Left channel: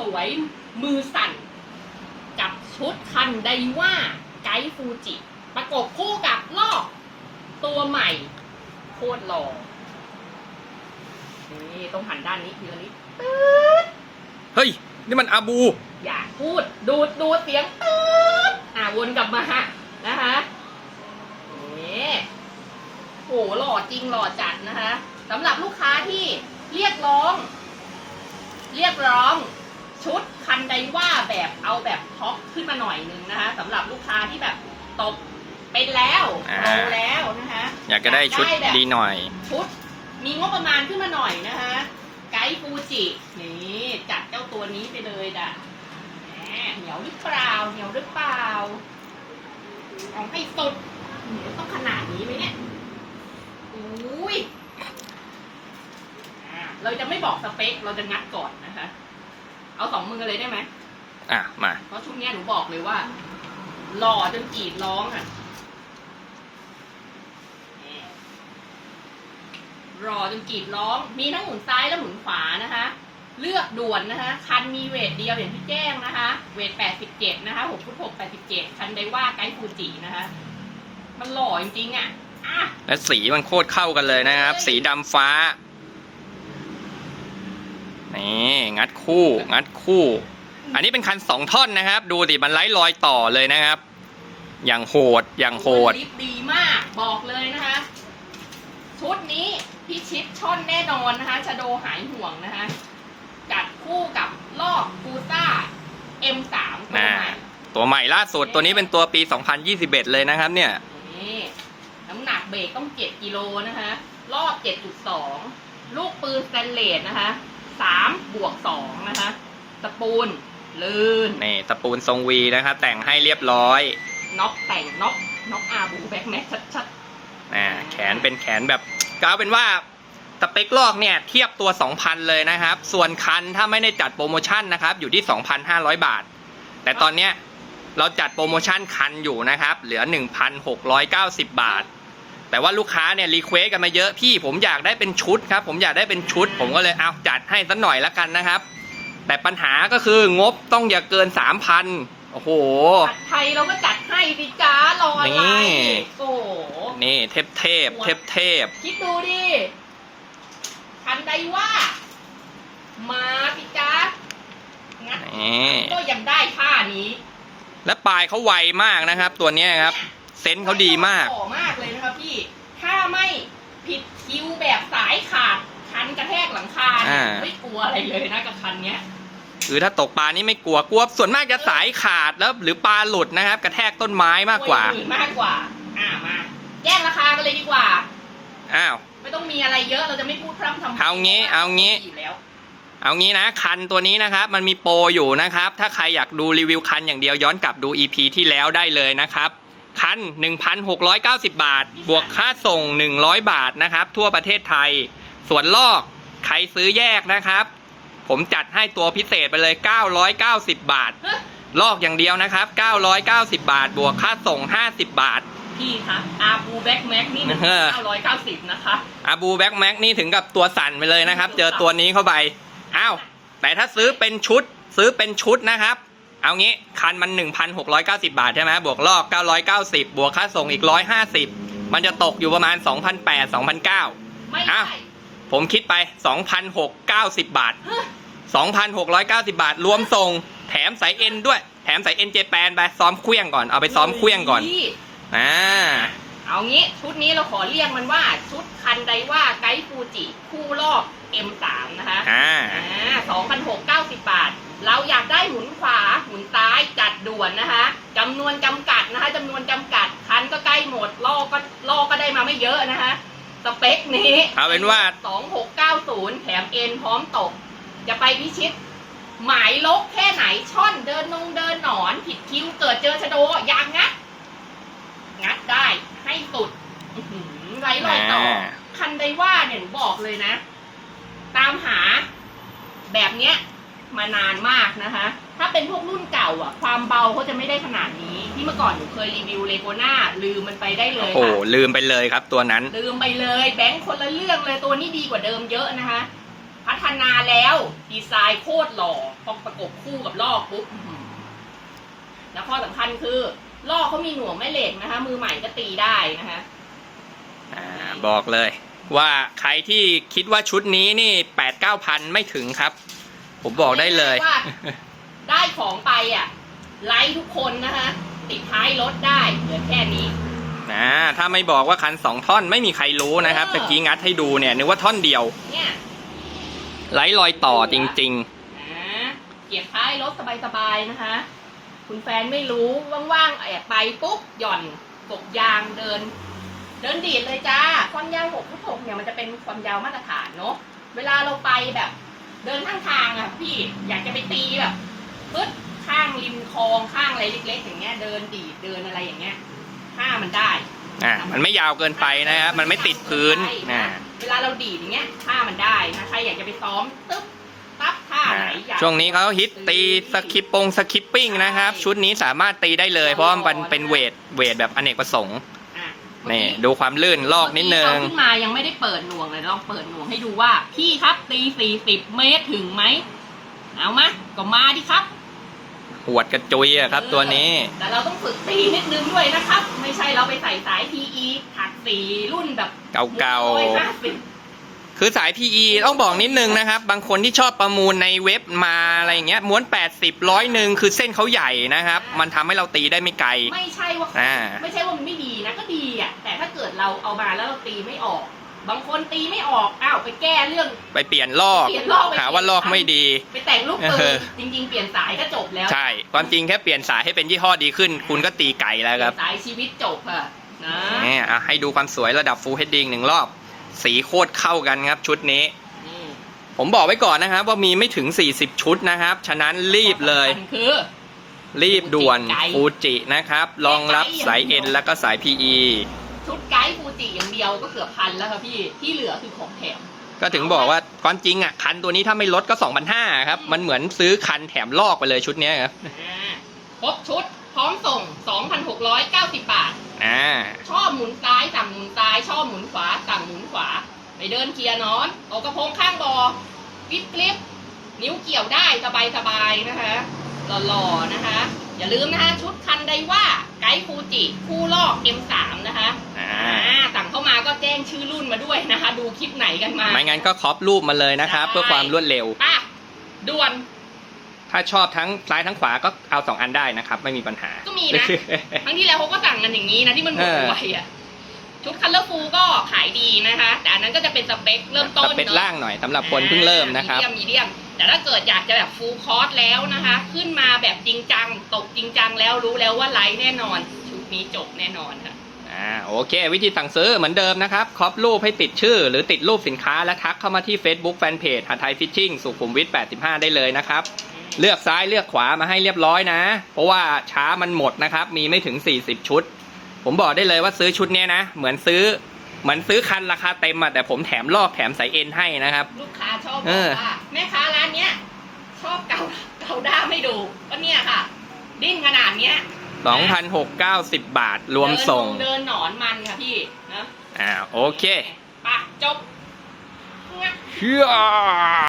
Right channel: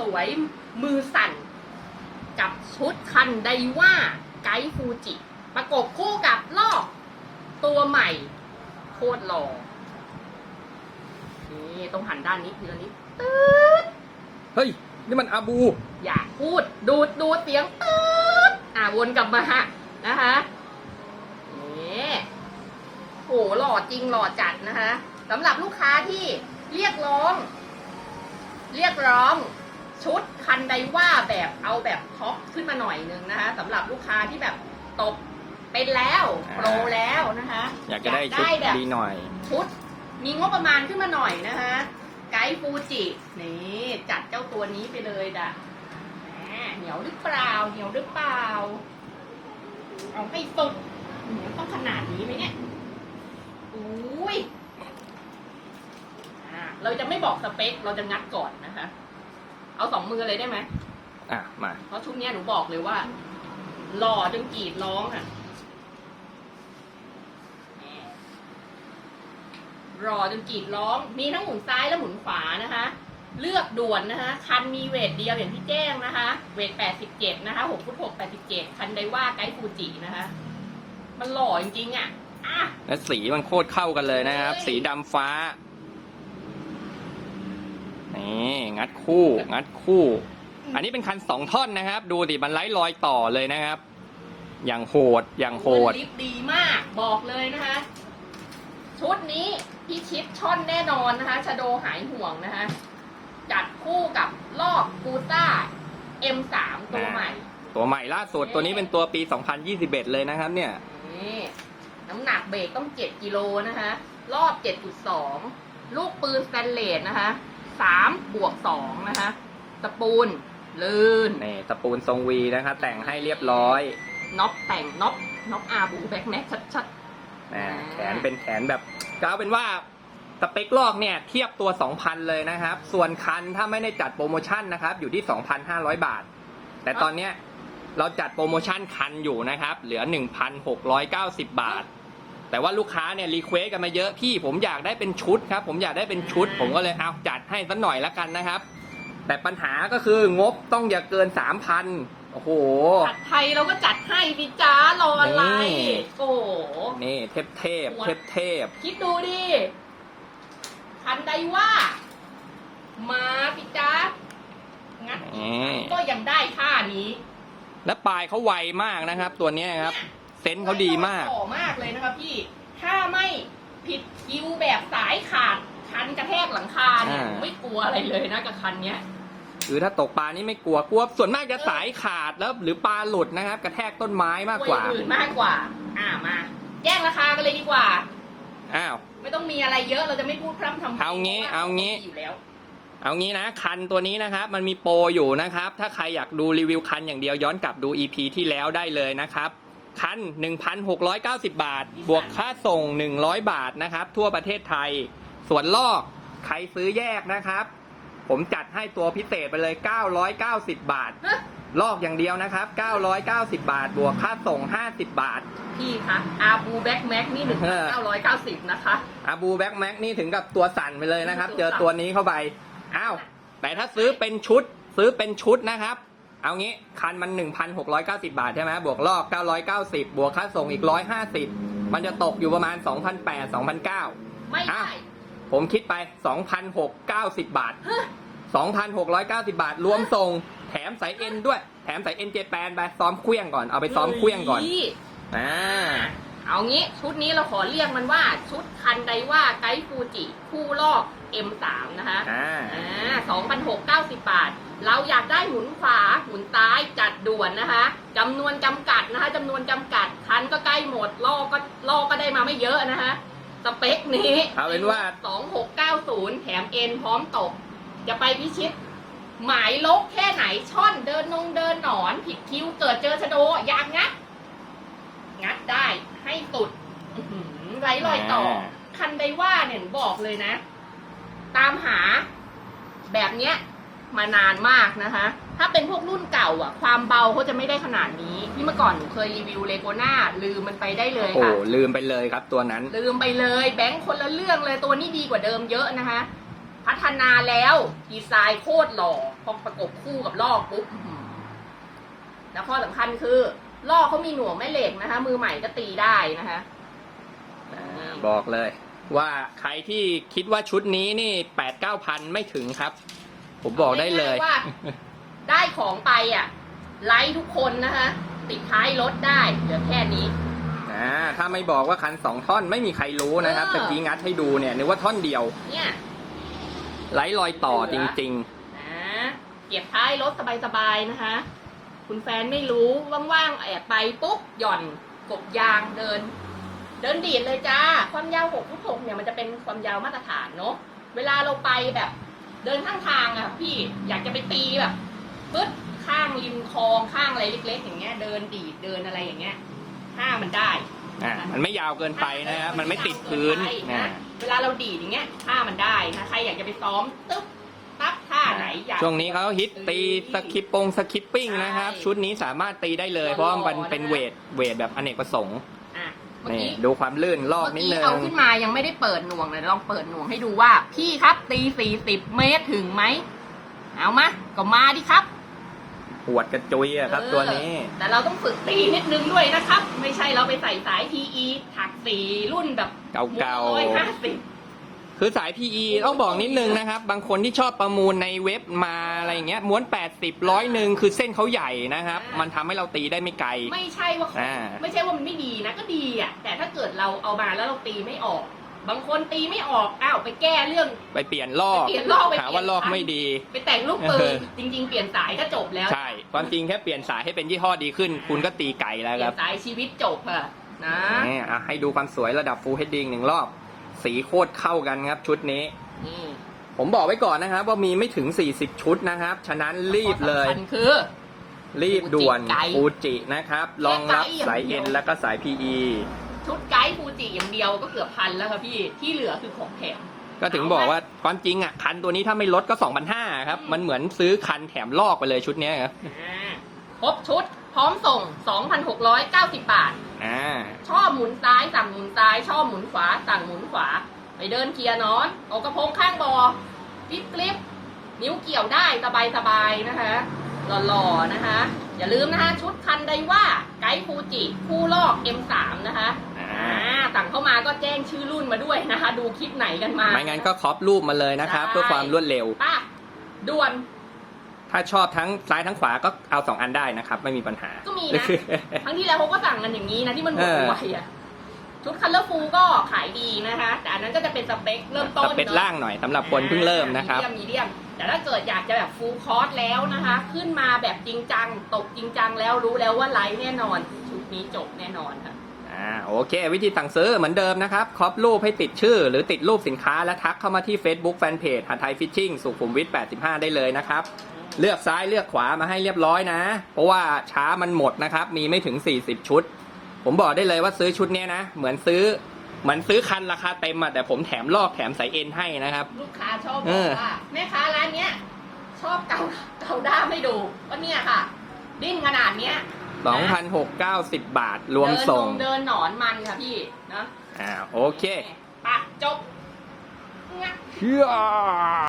สวยมือสั่น กับชุดคันไดว่าไกด์ฟูจิ ประกบคู่กับลอก ตัวใหม่ โคตรหล่อนี่ต้องหันด้านนี้ทีละนิดตืดเฮ้ย นี่มันอาบู อย่าพูดดูดดูดเสียงตืดอ่าวนกลับมานะคะนี่โหหล่อจริงหล่อจัดนะคะสำหรับลูกค้าที่เรียกร้อง เรียกร้อง ชุดคันไดว่าแบบเอาแบบท็อปขึ้นมาหน่อยนึงนะคะสำหรับลูกค้าที่แบบตกเป็นแล้วอ่า โตแล้วนะคะอยากจะได้ชุดแบบดีหน่อย ชุด มีงบประมาณขึ้นมาหน่อยนะคะไกด์ฟูจินี่จัดเจ้าตัวนี้ไปเลยด่ะแหมเหนียวหรือเปล่าเหนียวหรือเปล่าเอาให้สุดหืมต้องขนาดนี้ไหมเนี่ยอุ้ยอ่าเราจะไม่บอกสเปคเราจะงัดก่อนนะคะ เอาสองมือเลยได้ไหมอะมา เพราะชุดเนี้ยหนูบอกเลยว่า หล่อจนกรีดร้องอะแหมรอจนกรีดร้อง มีทั้งหมุนซ้ายและหมุนขวานะคะ เลือกด่วนนะคะ คันมีเวทเดียวอย่างที่แจ้งนะคะ เวท87นะคะ6ฟุต6 87คันไดว่าไกด์ฟูจินะคะ มันหล่อจริงๆอะอะ และสีมันโคตรเข้ากันเลยนะครับ สีดำฟ้า นี่งัดคู่ งัดคู่ อันนี้เป็นคันสองท่อนนะครับ ดูสิมันไล่รอยต่อเลยนะครับ อย่างโหดอย่างโหดลิปดีมากบอกเลยนะคะ ชุดนี้พิชิตช่อนแน่นอนนะคะชะโดหายห่วงนะคะ จัดคู่กับลอกกูซ่า M3 ตัวใหม่ตัวใหม่ล่าสุดตัวนี้เป็นตัวปี 2021 เลยนะครับ เนี่ยนี่น้ำหนักเบรกต้อง 7กิโลนะคะ รอบ 7.2 ลูกปืนสแตนเลสนะคะ 3บวก2นะคะตะปูนลื่นนี่ตะปูนทรงวีนะครับแต่งให้เรียบร้อยน็อกแต่งน็อกน็อกอาบูแบ็กแม็กชัดนะแขนเป็นแขนแบบก็เอาเป็นว่าสเปคลอกเนี่ยเทียบตัว 2,000 เลยนะครับ ส่วนคันถ้าไม่ได้จัดโปรโมชั่นนะครับ อยู่ที่ 2,500 บาท แต่ตอนเนี้ยเราจัดโปรโมชั่นคันอยู่นะครับ เหลือ 1,690 บาท แต่ว่าลูกค้าเนี่ยรีเควสกันมาเยอะพี่ผมอยากได้เป็นชุดครับผมอยากได้เป็นชุด ผมก็เลยเอาจัดให้สักหน่อยละกันนะครับ แต่ปัญหาก็คืองบต้องอย่าเกิน3,000โอ้โหๆจัดไทยเราก็จัดให้สิจ้ารออะไรนี่ โอ้โหนี่เทพเทพเทพเทพคิดดูดิคันใดว่า มาพี่จ้างัดนี่ก็ยังได้ค่านี้และปลายเขาไวมากนะครับ ตัวเนี้ยครับ เซนส์เขาดีมาก ต่อมาก ถ้าไม่ผิดคิวแบบสายขาดคันกระแทกหลังคาเนี่ยอ่า ไม่กลัวอะไรเลยนะกับคันเนี้ย คือถ้าตกปลานี่ไม่กลัวกลัวส่วนมากจะสายขาดแล้วหรือปลาหลุดนะครับ กระแทกต้นไม้มากกว่าลัวอย่งอื่นมากกว่า อ่ามา แย่งราคากันเลยดีกว่า อ้าว ไม่ต้องมีอะไรเยอะ เราจะไม่พูดพร่ำทำพลเอางี้เอางี้ อยู่แล้ว เอางี้นะ คันตัวนี้นะครับ มันมีโปรอยู่นะครับ ถ้าใครอยากดูรีวิวคันอย่างเดียวย้อนกลับดู EP ที่แล้วได้เลยนะครับ คัน 1,690 บาท บวกค่าส่ง 100 บาทนะครับ ทั่วประเทศไทย ส่วนลอกใครซื้อแยกนะครับ ผมจัดให้ตัวพิเศษไปเลย 990 บาทฮะลอกอย่างเดียวนะครับ 990 บาท บวกค่าส่ง 50 บาท พี่คะอาบูแบ็กแม็กนี่หนึ่งเออเก้าร้อยเก้าสิบนะคะ อาบูแบ็กแม็กนี่ถึงกับตัวสั่นไปเลยนะครับ เจอตัวนี้เข้าไป อ้าว แต่ถ้าซื้อเป็นชุด ซื้อเป็นชุดนะครับ เอางี้คันมัน 1,690 บาทใช่ไหมบวกลอก 990 บวกค่าส่งอีก 150 มันจะตกอยู่ประมาณ 2,800 2,900ไม่อ้าได้วผมคิดไป 2,690 บาทฮะ2,690 บาท รวมส่ง แถมสายเอ็นด้วย แถมสายเอ็นเจแปนไปซ้อมเครื่องก่อน เอาไปซ้อมเครื่องก่อนฮ้ยอ่าเอางี้ชุดนี้เราขอเรียกมันว่าชุดคันไดว่าไกด์ฟูจิคู่ลอก M3 นะคะอ่าอ่า2,690บาท เราอยากได้หมุนขวาหมุนซ้ายจัดด่วนนะคะจำนวนจำกัดนะคะจำนวนจำกัดคันก็ใกล้หมดลอกก็ลอกก็ได้มาไม่เยอะนะคะสเปคนี้เอาเป็นว่า 2690 แถมเอ็นพร้อมตก จะไปพิชิต หมายลกแค่ไหนช่อนเดินนงเดินหนอน ผิดคิวเกิดเจอชะโดอยางงัด งัดได้ให้สุดอื้อหือไร้รอยต่ออ่าคันไดว่าเนี่ยหนูบอกเลยนะ ตามหาแบบเนี้ย มานานมากนะคะ ถ้าเป็นพวกรุ่นเก่าอะ ความเบาเขาจะไม่ได้ขนาดนี้ ที่เมื่อก่อนหนูเคยรีวิวเลโกน่าลืมมันไปได้เลยโอ้โหค่ะ ลืมไปเลยครับตัวนั้น ลืมไปเลยแบงค์คนละเรื่องเลยตัวนี้ดีกว่าเดิมเยอะนะคะ พัฒนาแล้วดีไซน์โคตรหล่อพอประกบคู่กับลอกปุ๊บอื้อหือแล้วข้อสำคัญคือลอกเขามีหน่วงแม่เหล็กนะคะ มือใหม่ก็ตีได้นะคะ อ่าบอกเลย ว่าใครที่คิดว่าชุดนี้นี่แปดเก้าพันไม่ถึงครับ ผมบอกได้เลย ว่าได้ของไปอะ ไลค์ทุกคนนะคะ ติดท้ายรถได้เหลือแค่นี้ นะถ้าไม่บอกว่าคันสองท่อนไม่มีใครรู้นะครับเออ ตะกี้งัดให้ดูเนี่ยนึกว่าท่อนเดียวเนี่ยไร้รอยต่อจริง นะเก็บท้ายรถสบายๆนะคะ คุณแฟนไม่รู้ว่างๆแอบไปปุ๊บหย่อนกบยางเดิน เดินดีดเลยจ้า ความยาวหกฟุตหกเนี่ยมันจะเป็นความยาวมาตรฐานเนอะเวลาเราไปแบบ เดินข้างทางอะพี่อยากจะไปตีแบบปึ๊ดข้างริมคลองข้างอะไรเล็กๆ อย่างเงี้ย เดินดีดเดินอะไรอย่างเงี้ยห้ามันได้ๆอ่ามันไม่ยาวเกินไปนะครับมันไม่ติดพื้นใช่นะเวลาเราดีดอย่างเงี้ยท่ามันได้นะใครอยากจะไปซ้อมตึ๊บปั๊บท่าอ่าไหนอยากช่วงนี้เขาฮิตตีสคิปปงสคิปปิ้งนะครับ ชุดนี้สามารถตีได้เลย เพราะว่ามันเป็นเวทเวทแบบอเนกประสงค์อะ นี่ดูความลื่นลอกนิดนึง เมื่อกี้เอาขึ้นมายังไม่ได้เปิดหน่วงเลยลองเปิดหน่วงให้ดูว่า พี่ครับตีสี่สิบเมตรถึงไหมเอามาก็มาดิครับหวดกระจุยอะครับ ตัวนี้ แต่เราต้องฝึกตีนิดนึงด้วยนะครับ ไม่ใช่เราไปใส่สาย PE ถักสีรุ่นแบบเก่าร้อยๆห้าสิบ คือสาย PE ต้องบอกนิดนึงนะครับ บางคนที่ชอบประมูลในเว็บมาอะไรอย่างเงี้ยม้วน 80ร้อยหนึ่งคือเส้นเขาใหญ่นะครับ มันทำให้เราตีได้ไม่ไกล ไม่ใช่ว่าอ่า ไม่ใช่ว่ามันไม่ดีนะก็ดีอะแต่ถ้าเกิดเราเอามาแล้วเราตีไม่ออก บางคนตีไม่ออกอ้าวไปแก้เรื่อง ไปเปลี่ยนลอก เปลี่ยนลอกไป หาว่าลอกไม่ดี ไปแต่งลูกปืเอนอ จริง ๆ เปลี่ยนสายก็จบแล้วใช่ ความจริงแค่เปลี่ยนสายให้เป็นยี่ห้อดีขึ้น คุณก็ตีไก่แล้วครับสายชีวิตจบอะนะ เนี่ยอะให้ดูความสวยระดับ Full HD อีกหนึ่งรอบ สีโคตรเข้ากันครับชุดนี้นี่ผมบอกไว้ก่อนนะครับ ว่ามีไม่ถึง 40 ชุดนะครับ ฉะนั้นรีบเลยสำคัญคือ รีบด่วนไกด์ฟูจินะครับรองรับสาย N แล้วก็สาย PE ชุดไกด์ฟูจิอย่างเดียวก็เกือบพันแล้วครับพี่ที่เหลือคือของแถม ก็ถึงบอกว่าความจริงอะ คันตัวนี้ถ้าไม่ลดก็2,500ครับ มันเหมือนซื้อคันแถมลอกไปเลยชุดเนี้ยครับอ่าครบชุดพร้อมส่ง 2,690 บาทอ่าชอบหมุน ซ้ายสั่งหมุนซ้าย ชอบหมุนขวา สั่งหมุนขวา ไปเดินเกียร์นอนเอากระโปรงข้างบอวิบกลิปนิ้วเกี่ยวได้สบายสบายๆนะคะหล่อๆนะคะ อย่าลืมนะคะชุดคันไดว่าไกด์ฟูจิ คู่ลอก M3 นะคะอ่าอ่าสั่งเข้ามาก็แจ้งชื่อรุ่นมาด้วยนะคะ ดูคลิปไหนกันมา ไม่งั้นก็ครอปรูปมาเลยนะครับ เพื่อความรวดเร็วป่ะด่วน ถ้าชอบทั้งซ้ายทั้งขวาก็เอา2อันได้นะครับ ไม่มีปัญหา ก็มีนะ ครั้งที่แล้วเขาก็สั่งกันอย่างนี้นะที่มันหมดเออไวอะ ชุดคัลเลอร์ฟูก็ขายดีนะคะ แต่อันนั้นก็จะเป็นสเปคเริ่มต้นสเปคล่างหน่อยสำหรับคนเพิ่งเริ่มนะครับมีเดียมมีเดียมแต่ถ้าเกิดอยากจะแบบฟูลคอร์สแล้วนะคะ ขึ้นมาแบบจริงจัง ตกจริงจังแล้วรู้แล้วว่าไลท์แน่นอน ชุดนี้จบแน่นอนค่ะอ่าโอเค วิธีสั่งซื้อเหมือนเดิมนะครับครอปรูปให้ติดชื่อ หรือติดรูปสินค้าและทักเข้ามาที่ Facebook Fanpage หาไทยฟิชชิ่งสุขุมวิท85 ได้เลยนะครับเลือกซ้ายเลือกขวามาให้เรียบร้อยนะ เพราะว่าช้ามันหมดนะครับ มีไม่ถึง 40 ชุด ผมบอกได้เลยว่าซื้อชุดเนี้ยนะ เหมือนซื้อเหมือนซื้อคันราคาเต็มอะแต่ผมแถมลอกแถมสายเอ็นให้นะครับ ลูกค้าชอบเอบออกว่าแม่ค้าร้านเนี้ยชอบเกาเกาด้ามให้ดูก็เนี่ยค่ะ ดิ้นขนาดเนี้ย2,690บาทรวมส่งเดินนเดินหนอนมันค่ะพี่นะอ่าโอเคไปจบเฮีย